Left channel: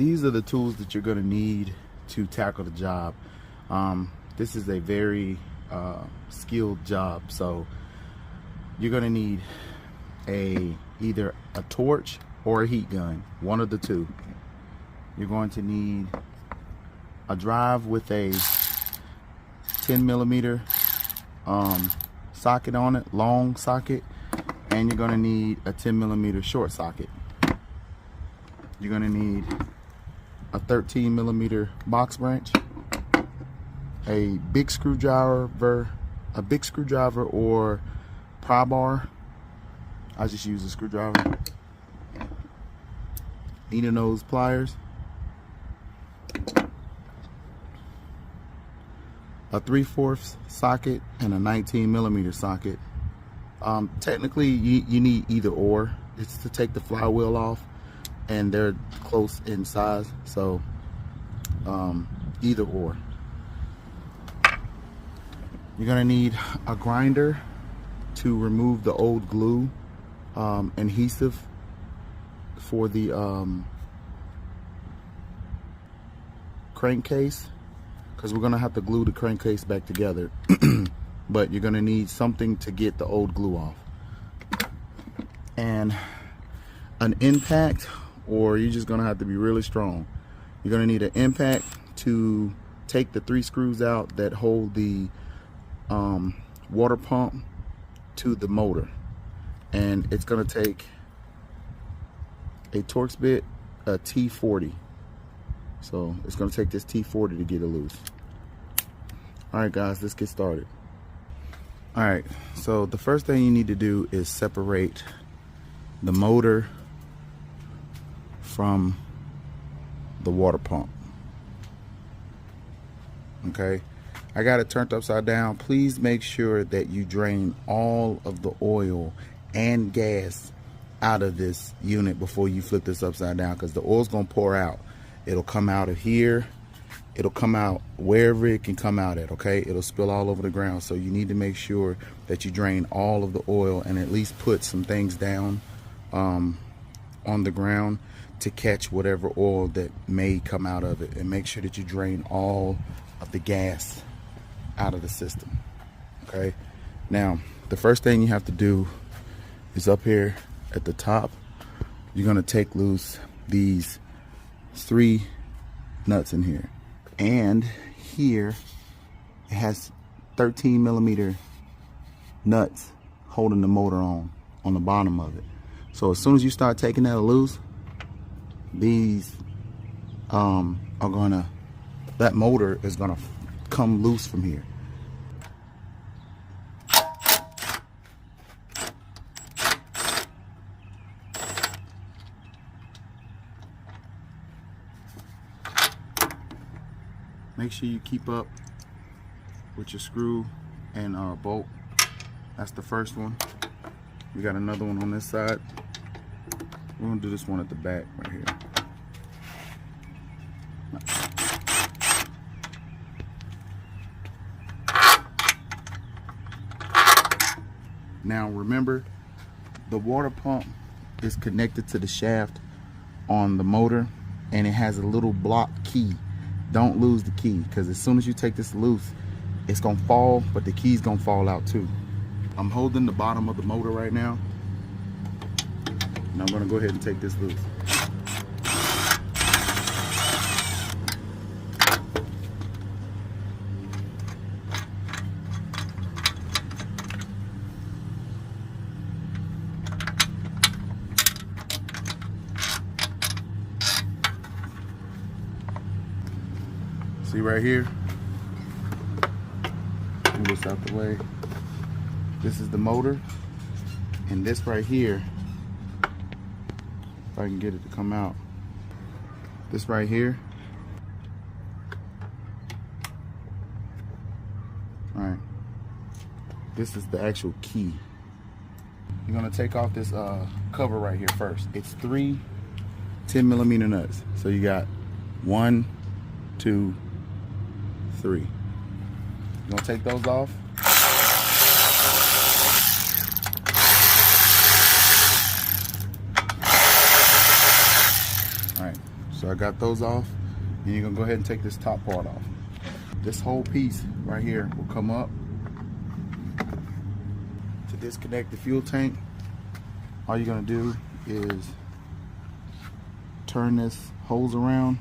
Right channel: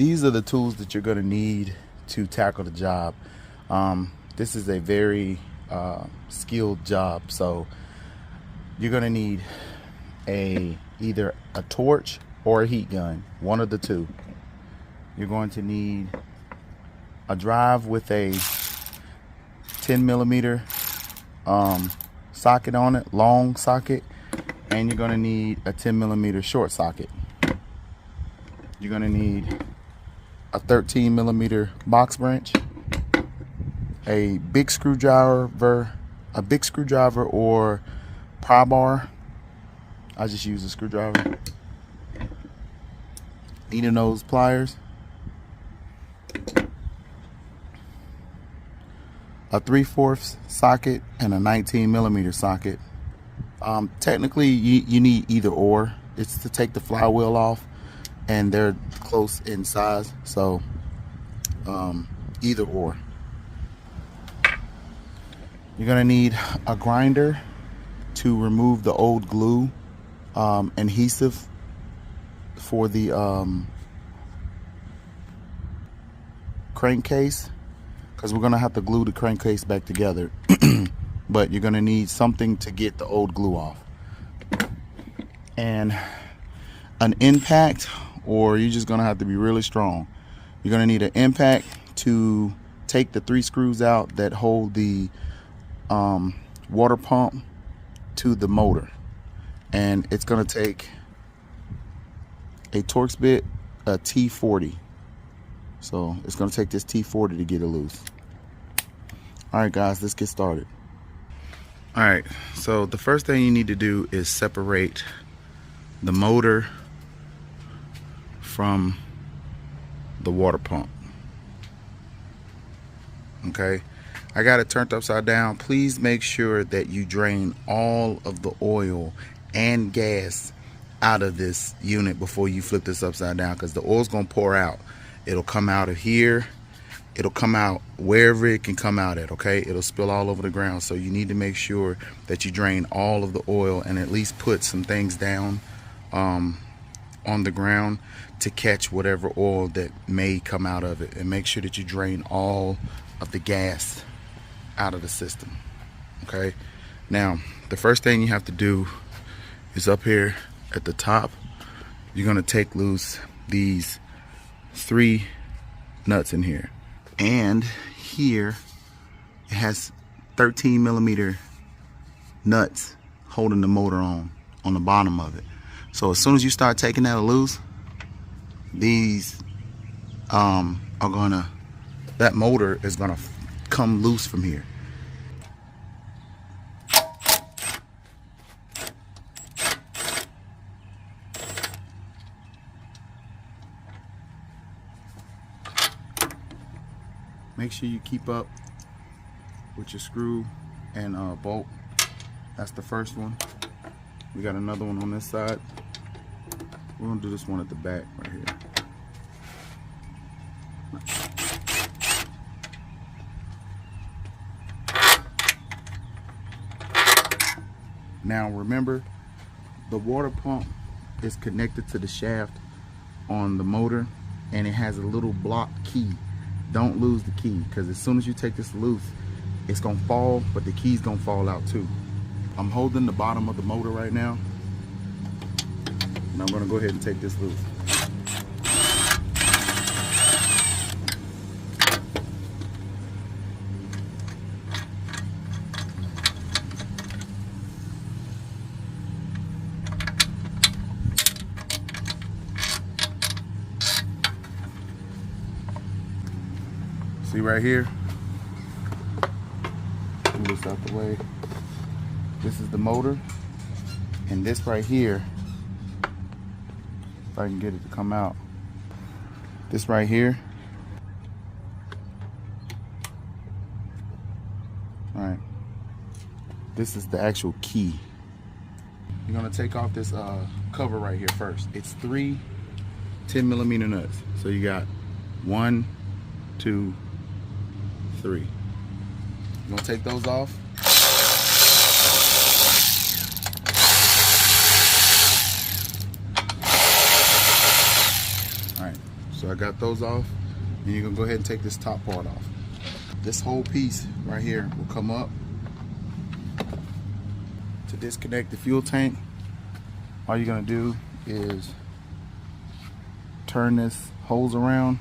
these are the tools that you're going to need to tackle the job. This is a very skilled job, so you're going to need either a torch or a heat gun, one of the two. You're going to need a drive with a 10mm socket on it, long socket, and you're going to need a 10mm short socket. You're going to need a 13mm box wrench, a big screwdriver or pry bar. I just use a screwdriver. Needle nose pliers, a 3/4 socket, and a 19mm socket. Technically, you need either or. It's to take the flywheel off, and they're close in size, so either or. You're gonna need a grinder to remove the old glue adhesive for the crankcase, because we're gonna have to glue the crankcase back together. But you're gonna need something to get the old glue off, and an impact, or you're just gonna have to be really strong. You're gonna need an impact to take the 3 screws out that hold the water pump to the motor, and it's gonna take a Torx bit, a T40. So it's gonna take this T40 to get it loose. All right, guys, let's get started. All right, so the first thing you need to do is separate the motor from the water pump. Okay, I got it turned upside down. Please make sure that you drain all of the oil and gas out of this unit before you flip this upside down, because the oil's gonna pour out. It'll come out of here, it'll come out wherever it can come out at, okay? It'll spill all over the ground, so you need to make sure that you drain all of the oil and at least put some things down on the ground to catch whatever oil that may come out of it, and make sure that you drain all of the gas out of the system. Okay, now the first thing you have to do is up here at the top, you're gonna take loose these 3 nuts in here, and here it has 13mm nuts holding the motor on the bottom of it. So as soon as you start taking that loose, these that motor is gonna come loose from here. Make sure you keep up with your screw and bolt. That's the first one. We got another one on this side. We're gonna do this one at the back right here. Now remember, the water pump is connected to the shaft on the motor, and it has a little block key. Don't lose the key, because as soon as you take this loose, it's gonna fall, but the key's gonna fall out too. I'm holding the bottom of the motor right now, and I'm gonna go ahead and take this loose. See right here, move this out the way. This is the motor, and this right here, if I can get it to come out, this right here, all right, this is the actual key. You're gonna take off this cover right here first. It's 3 10mm nuts. So you got 1, 2, 3. You're gonna take those off. All right, so I got those off. And you're gonna go ahead and take this top part off. This whole piece right here will come up. To disconnect the fuel tank, all you're gonna do is turn this hose around,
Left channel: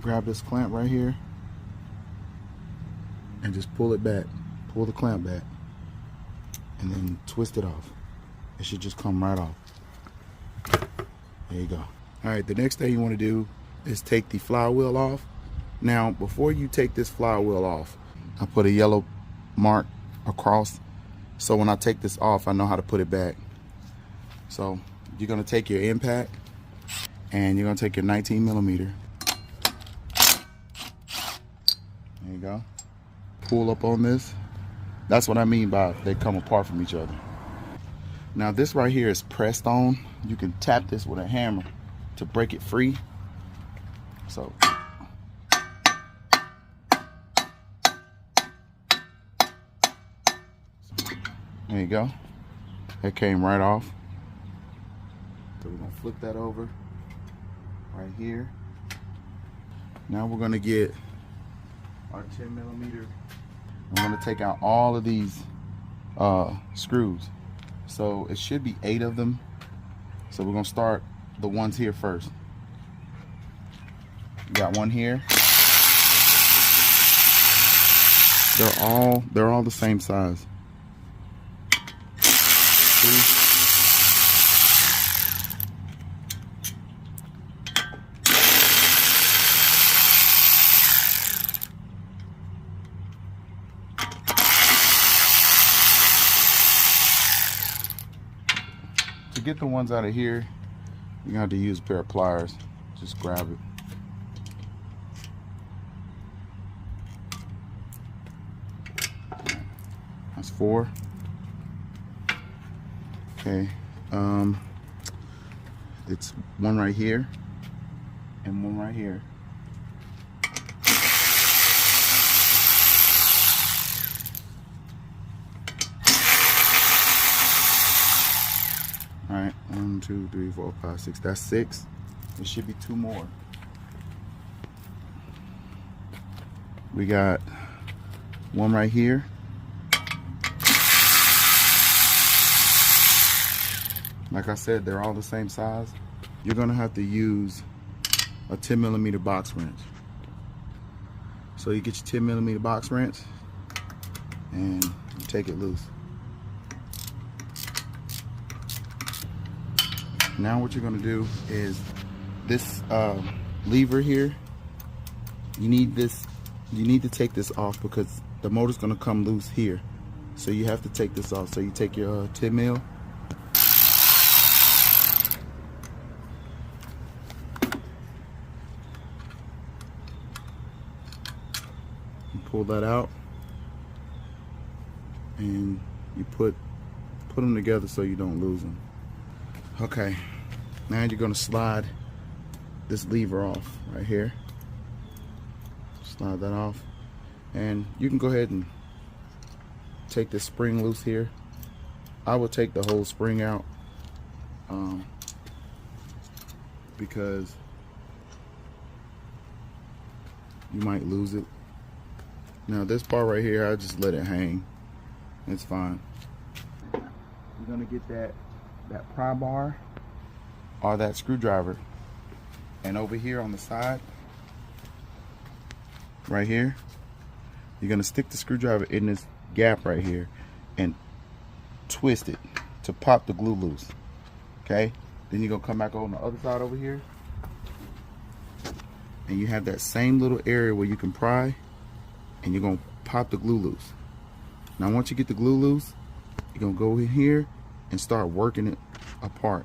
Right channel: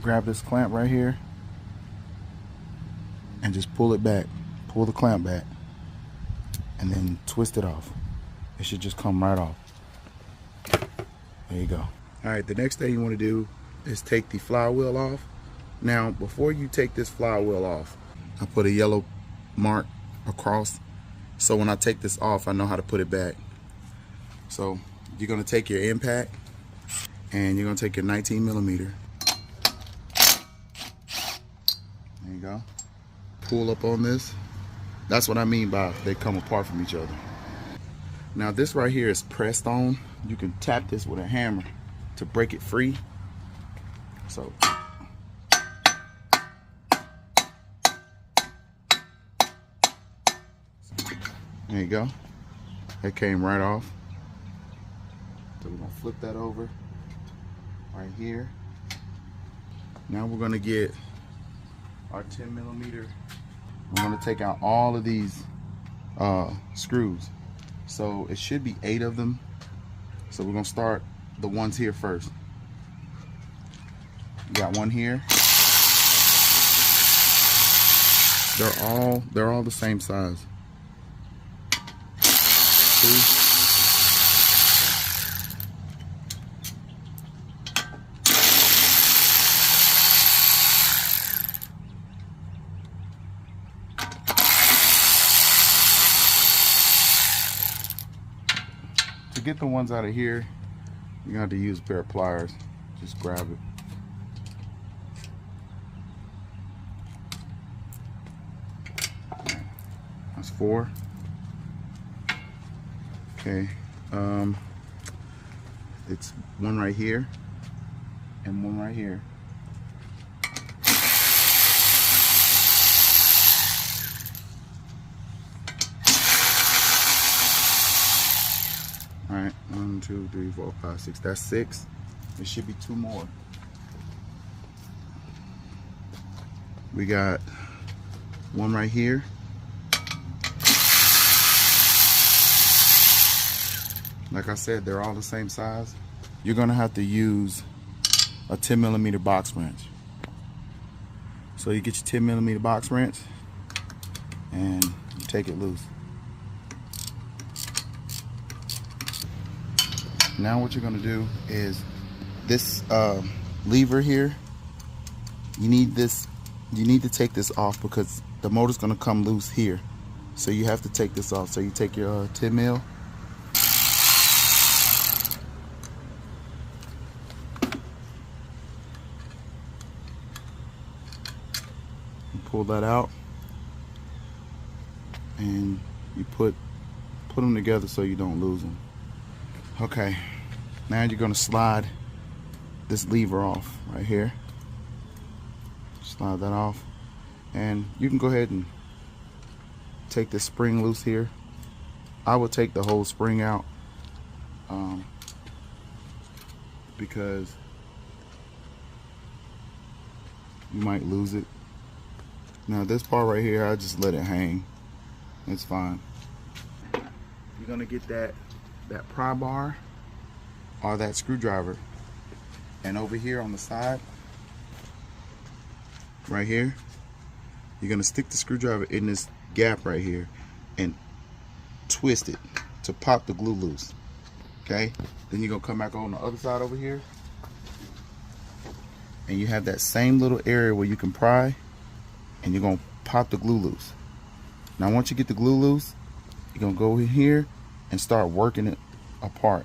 grab this clamp right here, and just pull it back. Pull the clamp back, and then twist it off. It should just come right off. There you go. All right, the next thing you want to do is take the flywheel off. Now, before you take this flywheel off, I put a yellow mark across, so when I take this off, I know how to put it back. So you're gonna take your impact, and you're gonna take your 19mm. There you go. Pull up on this. That's what I mean by they come apart from each other. Now this right here is pressed on. You can tap this with a hammer to break it free. So there you go. It came right off. So we're gonna flip that over right here. Now we're gonna get our 10mm. I'm gonna take out all of these screws. So it should be 8 of them. So we're gonna start the ones here first. We got one here. They're all the same size. 2. To get the ones out of here, you're gonna have to use a pair of pliers. Just grab it. That's 4. Okay, it's one right here and one right here. All right, 1, 2, 3, 4, 5, 6. That's 6. There should be 2 more. We got one right here. Like I said, they're all the same size. You're gonna have to use a 10mm box wrench. So you get your 10mm box wrench and you take it loose. Now what you're gonna do is this lever here, you need to take this off because the motor's gonna come loose here. So you have to take this off. So you take your 10mm, pull that out, and you put them together so you don't lose them. Okay, now you're gonna slide this lever off right here. Slide that off, and you can go ahead and take the spring loose here. I would take the whole spring out because you might lose it. Now this part right here, I just let it hang. It's fine. You're gonna get that pry bar or that screwdriver, and over here on the side, right here, you're gonna stick the screwdriver in this gap right here and twist it to pop the glue loose. Okay? Then you're gonna come back on the other side over here, and you have that same little area where you can pry, and you're gonna pop the glue loose. Now once you get the glue loose, you're gonna go in here and start working it apart.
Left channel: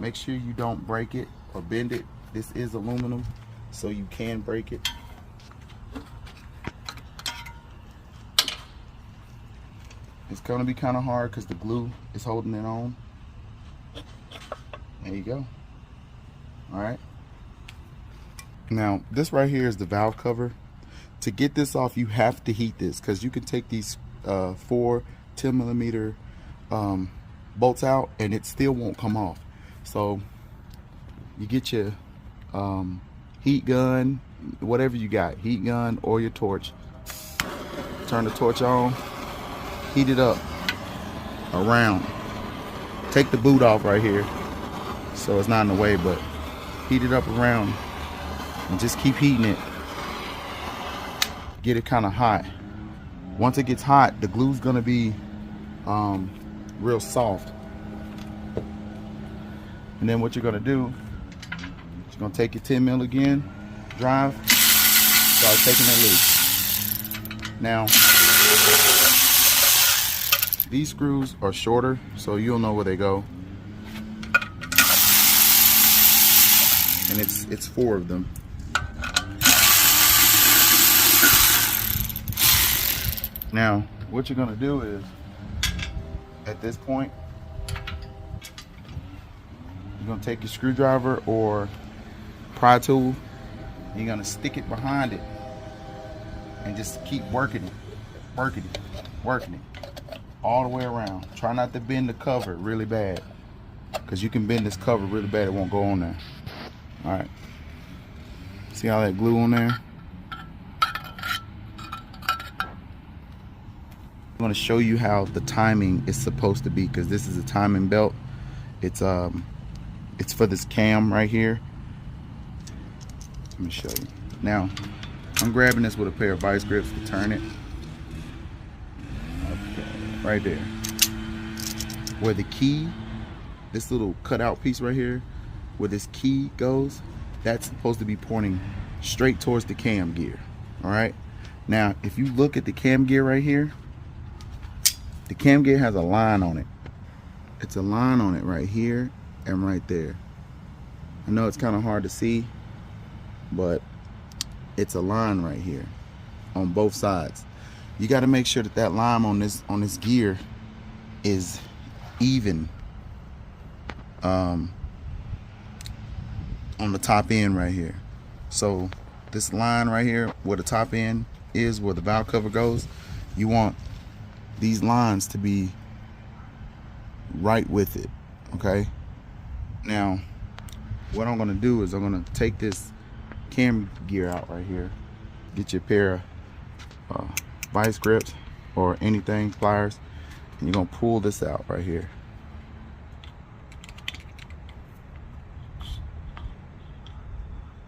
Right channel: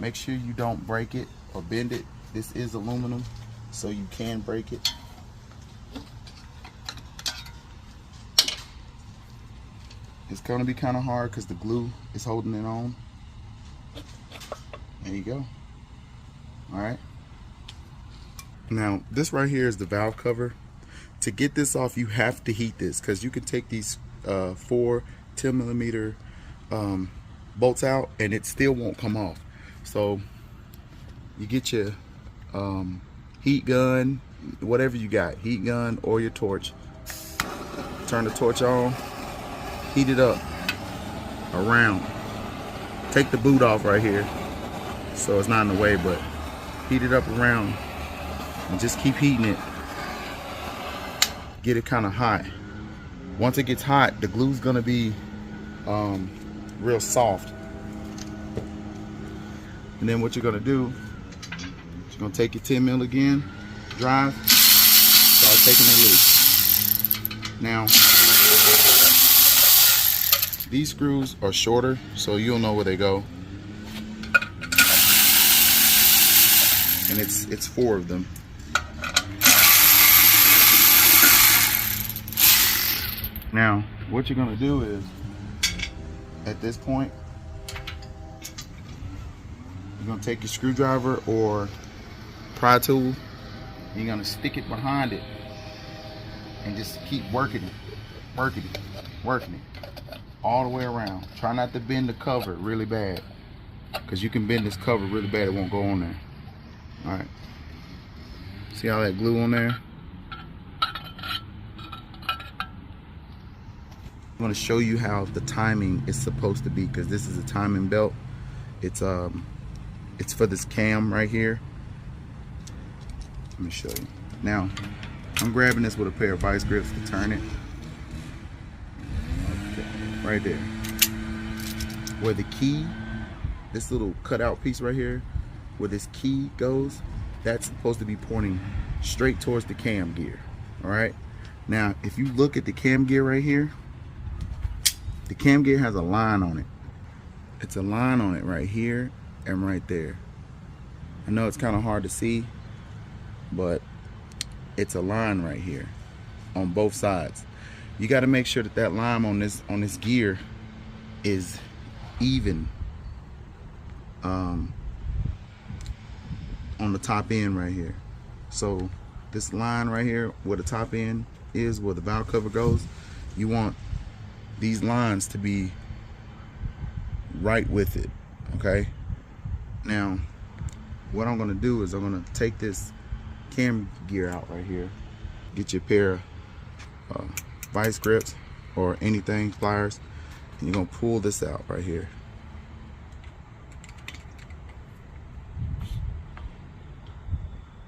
Make sure you don't break it or bend it. This is aluminum, so you can break it. It's gonna be kind of hard because the glue is holding it on. There you go. All right. Now this right here is the valve cover. To get this off, you have to heat this, because you can take these 4 10mm bolts out and it still won't come off. So you get your heat gun, whatever you got, heat gun or your torch. Turn the torch on, heat it up around. Take the boot off right here so it's not in the way, but heat it up around and just keep heating it. Get it kind of hot. Once it gets hot, the glue's gonna be real soft. And then what you're gonna do, you're gonna take your 10 mil again, drive, start taking it loose. Now, these screws are shorter, so you'll know where they go. And it's 4 of them. Now, what you're gonna do is, at this point, you're gonna take your screwdriver or pry tool, you're gonna stick it behind it and just keep working it, working it, all the way around. Try not to bend the cover really bad, because you can bend this cover really bad, it won't go on there. All right, see how that glue on there? I'm going to show you how the timing is supposed to be, because this is a timing belt. It's for this cam right here. Let me show you. Now, I'm grabbing this with a pair of vice grips to turn it. Okay, right there. Where the key, this little cutout piece right here, where this key goes, that's supposed to be pointing straight towards the cam gear. All right. Now, if you look at the cam gear right here, the cam gear has a line on it. It's a line on it right here and right there. I know it's kind of hard to see, but it's a line right here on both sides. You got to make sure that that line on this gear is even on the top end right here. So this line right here where the top end is, where the valve cover goes, you want these lines to be right with it. Okay, now what I'm going to do is I'm going to take this cam gear out right here. Get your pair of vice grips or anything, pliers, and you're going to pull this out right here.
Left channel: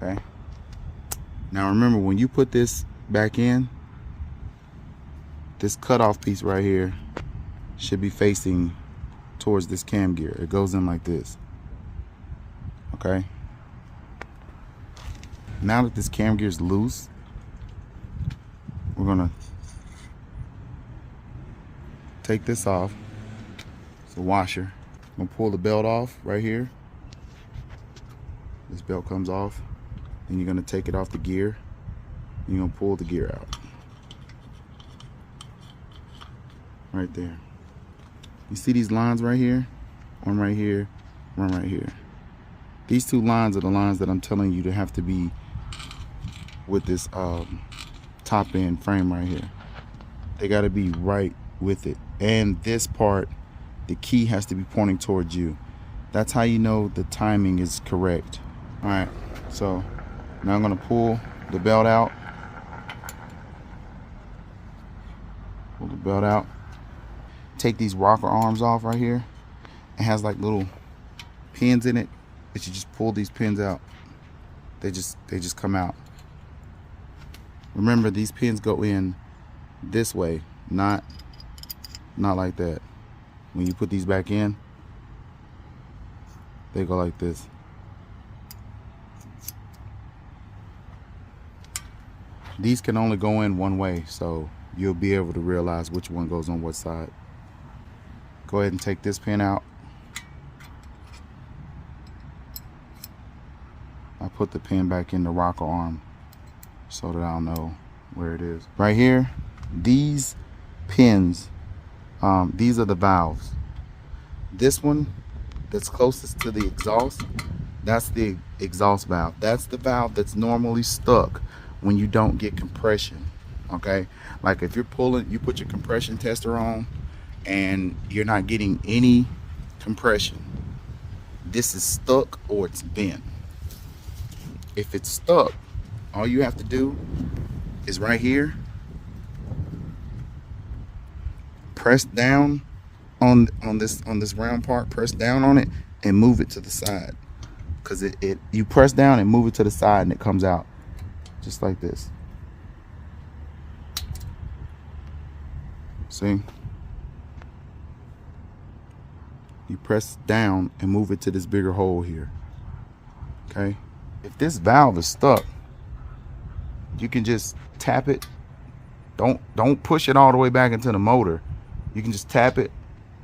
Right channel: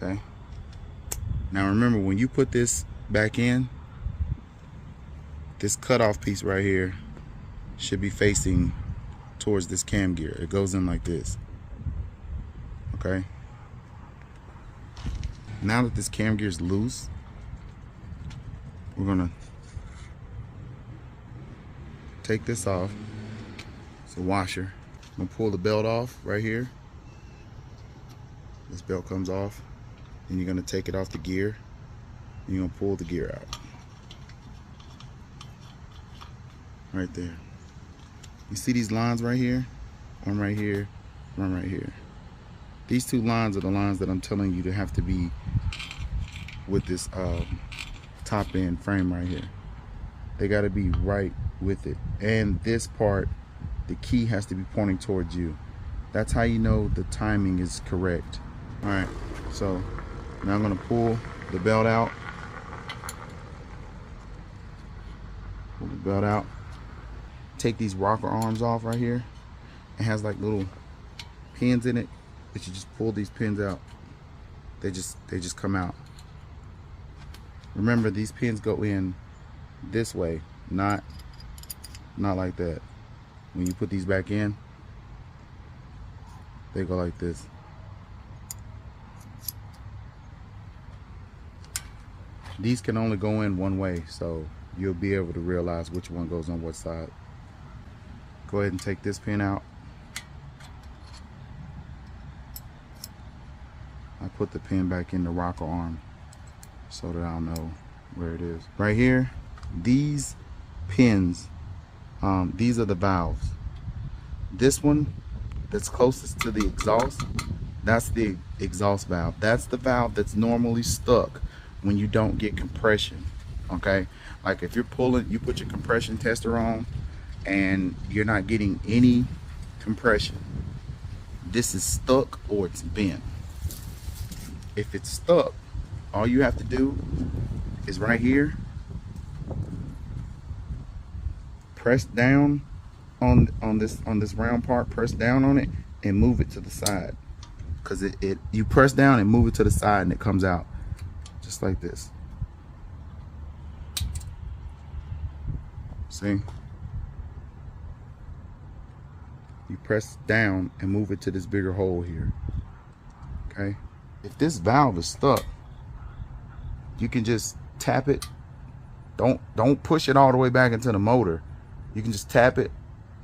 Okay, now remember, when you put this back in, this cutoff piece right here should be facing towards this cam gear. It goes in like this. Okay, now that this cam gear is loose, we're gonna take this off. It's a washer. I'm gonna pull the belt off right here. This belt comes off, and you're gonna take it off the gear, and you're gonna pull the gear out. Right there. You see these lines right here? One right here, one right here. These 2 lines are the lines that I'm telling you to have to be with this top end frame right here. They got to be right with it. And this part, the key has to be pointing towards you. That's how you know the timing is correct. All right, so now I'm gonna pull the belt out. Pull the belt out. Take these rocker arms off right here. It has like little pins in it, but you just pull these pins out. They just come out. Remember, these pins go in this way, not like that. When you put these back in, they go like this. These can only go in one way, so you'll be able to realize which one goes on what side. Go ahead and take this pin out. I put the pin back in the rocker arm so that I'll know where it is. Right here, these pins, these are the valves. This one that's closest to the exhaust, that's the exhaust valve. That's the valve that's normally stuck when you don't get compression. Okay, like if you're pulling, you put your compression tester on and you're not getting any compression, this is stuck or it's bent. If it's stuck, all you have to do is right here, press down on this round part, press down on it and move it to the side. Because you press down and move it to the side and it comes out just like this. See? You press down and move it to this bigger hole here. Okay? If this valve is stuck, you can just tap it. Don't push it all the way back into the motor. You can just tap it,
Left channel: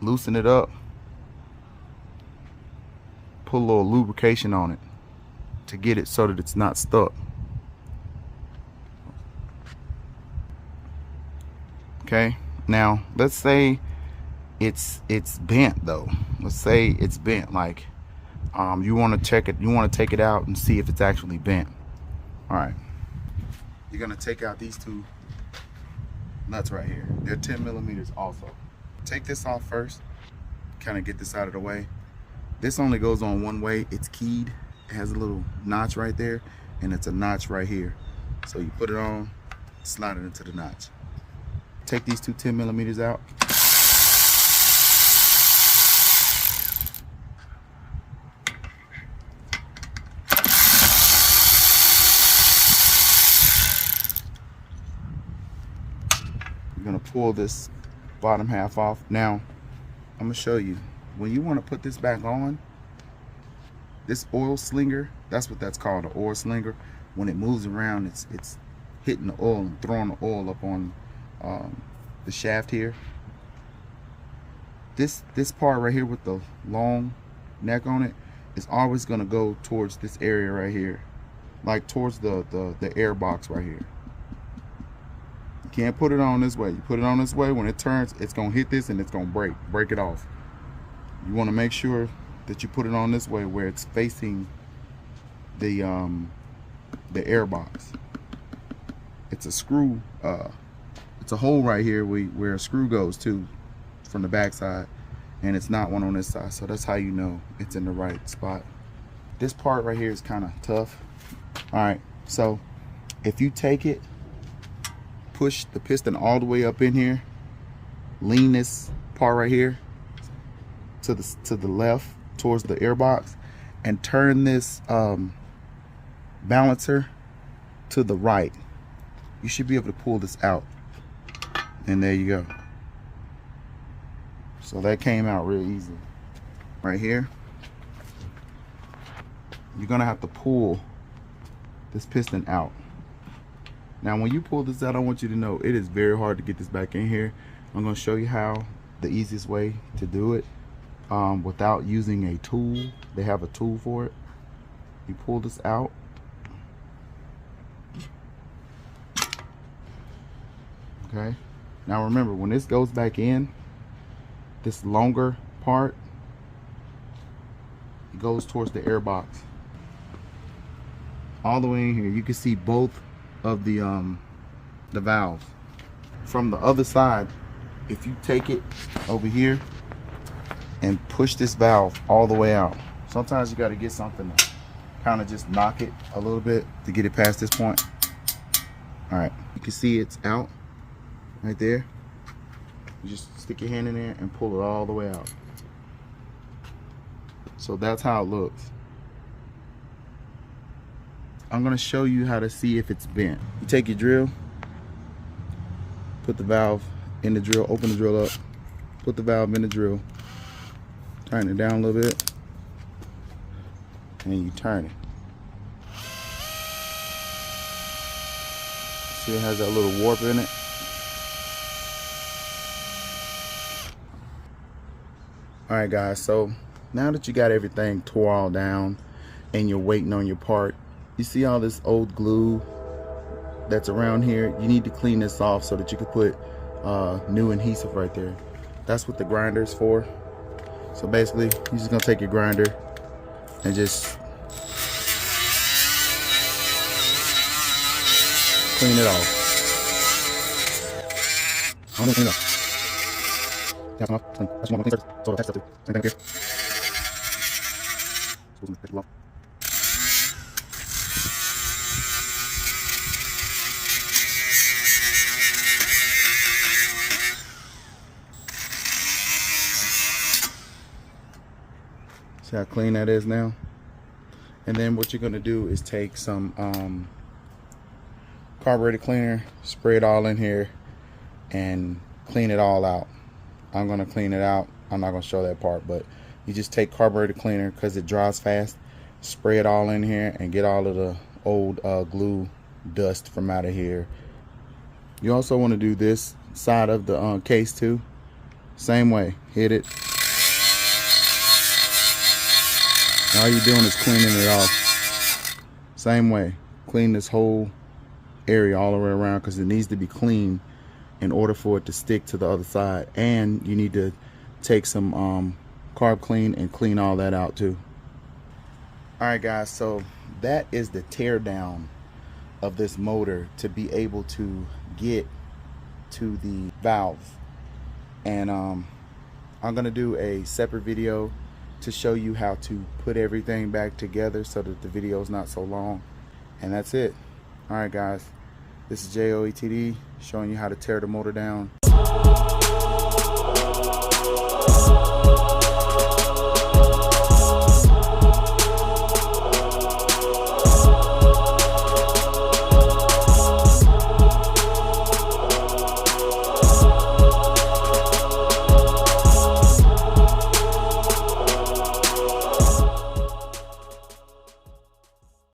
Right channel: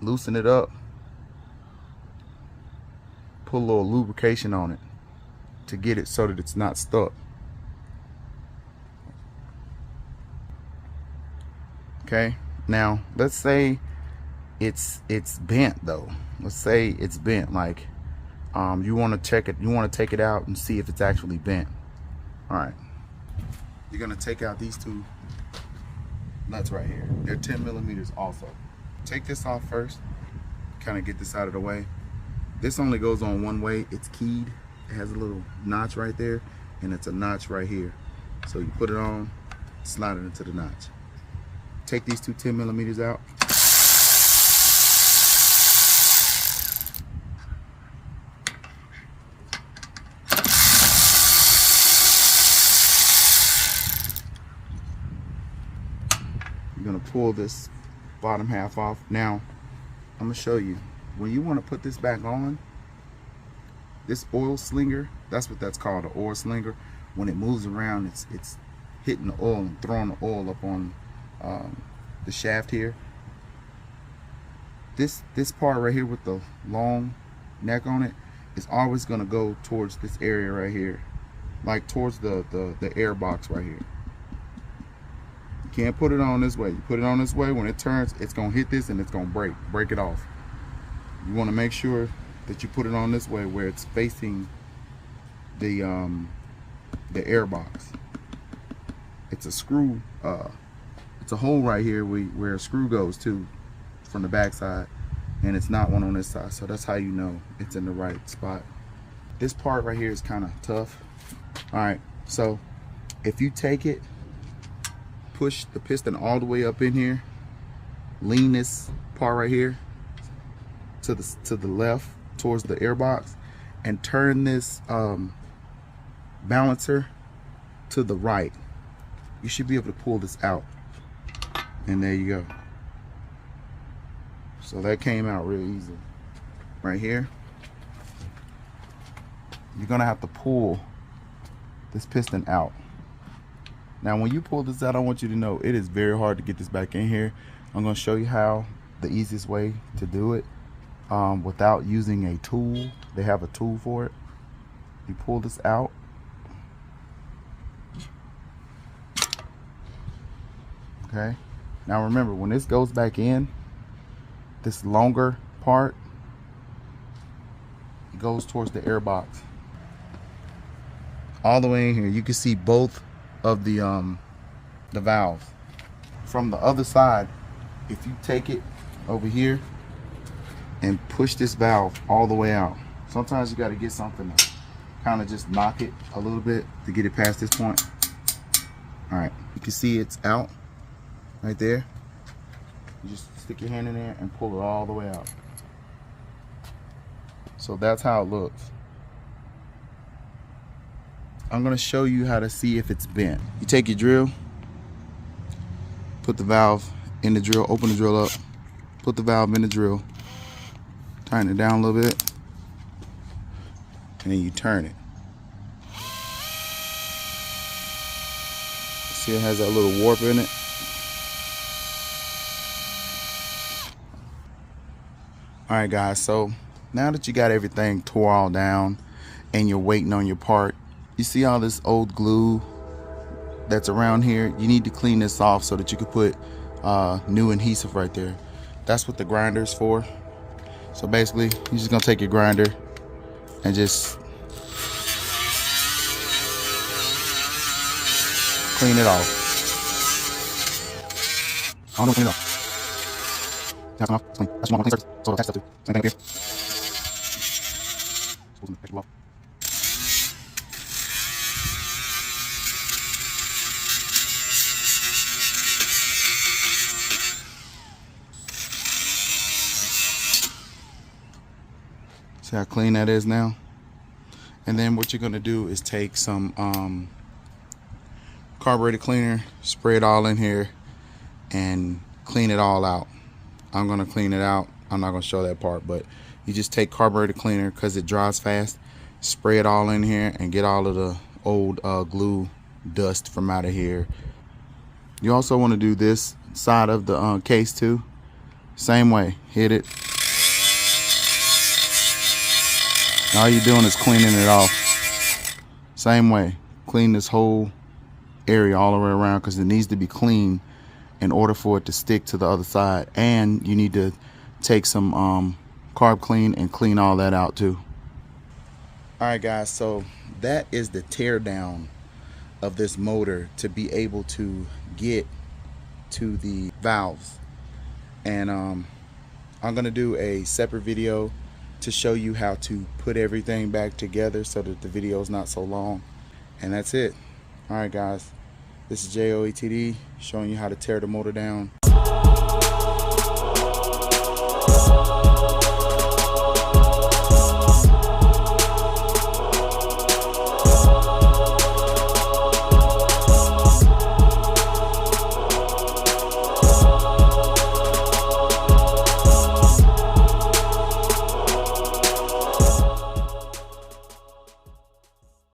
loosen it up, put a little lubrication on it to get it so that it's not stuck. Okay, now let's say it's bent though. Let's say it's bent, like you want to check it, you want to take it out and see if it's actually bent. All right, you're gonna take out these two nuts right here. They're 10 millimeters also. Take this off first, kind of get this out of the way. This only goes on one way. It's keyed. It has a little notch right there, and it's a notch right here. So you put it on, slide it into the notch. Take these two 10 millimeters out. You're gonna pull this bottom half off. Now, I'm gonna show you. When you want to put this back on, this oil slinger, that's what that's called, an oil slinger. When it moves around, it's hitting the oil and throwing the oil up on the shaft here. This part right here with the long neck on it is always going to go towards this area right here, like towards the air box right here. You can't put it on this way. You put it on this way, when it turns, it's going to hit this and it's going to break it off. You want to make sure that you put it on this way where it's facing the air box. It's a screw, it's a hole right here where a screw goes to from the back side, and it's not one on this side, so that's how you know it's in the right spot. This part right here is kind of tough. All right, so if you take it, push the piston all the way up in here, lean this part right here to the left towards the air box, and turn this balancer to the right. You should be able to pull this out, and there you go. So that came out real easy. Right here, you're gonna have to pull this piston out. Now when you pull this out, I want you to know it is very hard to get this back in here. I'm gonna show you how, the easiest way to do it without using a tool. They have a tool for it. You pull this out. Okay, now remember, when this goes back in, this longer part, it goes towards the air box. All the way in here, you can see both of the valves. From the other side, if you take it over here and push this valve all the way out, sometimes you got to get something to kind of just knock it a little bit to get it past this point. All right, you can see it's out right there. You just stick your hand in there and pull it all the way out. So that's how it looks. I'm gonna show you how to see if it's bent. You take your drill, put the valve in the drill, open the drill up, put the valve in the drill, turn it down a little bit, and then you turn it. See, it has that little warp in it. Alright guys, so now that you got everything tore all down and you're waiting on your part, you see all this old glue that's around here? You need to clean this off so that you can put new adhesive right there. That's what the grinder's for. So basically, you're just gonna take your grinder and just clean it off. That's enough. That's one more clean surface. So attach that to same thing up here. See how clean that is now? And then what you're gonna do is take some carburetor cleaner, spray it all in here, and clean it all out. I'm gonna clean it out. I'm not gonna show that part, but you just take carburetor cleaner because it dries fast, spray it all in here and get all of the old glue dust from out of here. You also want to do this side of the case too. Same way, hit it. All you're doing is cleaning it off. Same way, clean this whole area all the way around because it needs to be clean in order for it to stick to the other side. And you need to take some carb clean and clean all that out too. Alright guys, so that is the tear down of this motor to be able to get to the valves. And I'm gonna do a separate video to show you how to put everything back together so that the video is not so long. And that's it. Alright guys, this is JOETD showing you how to tear the motor down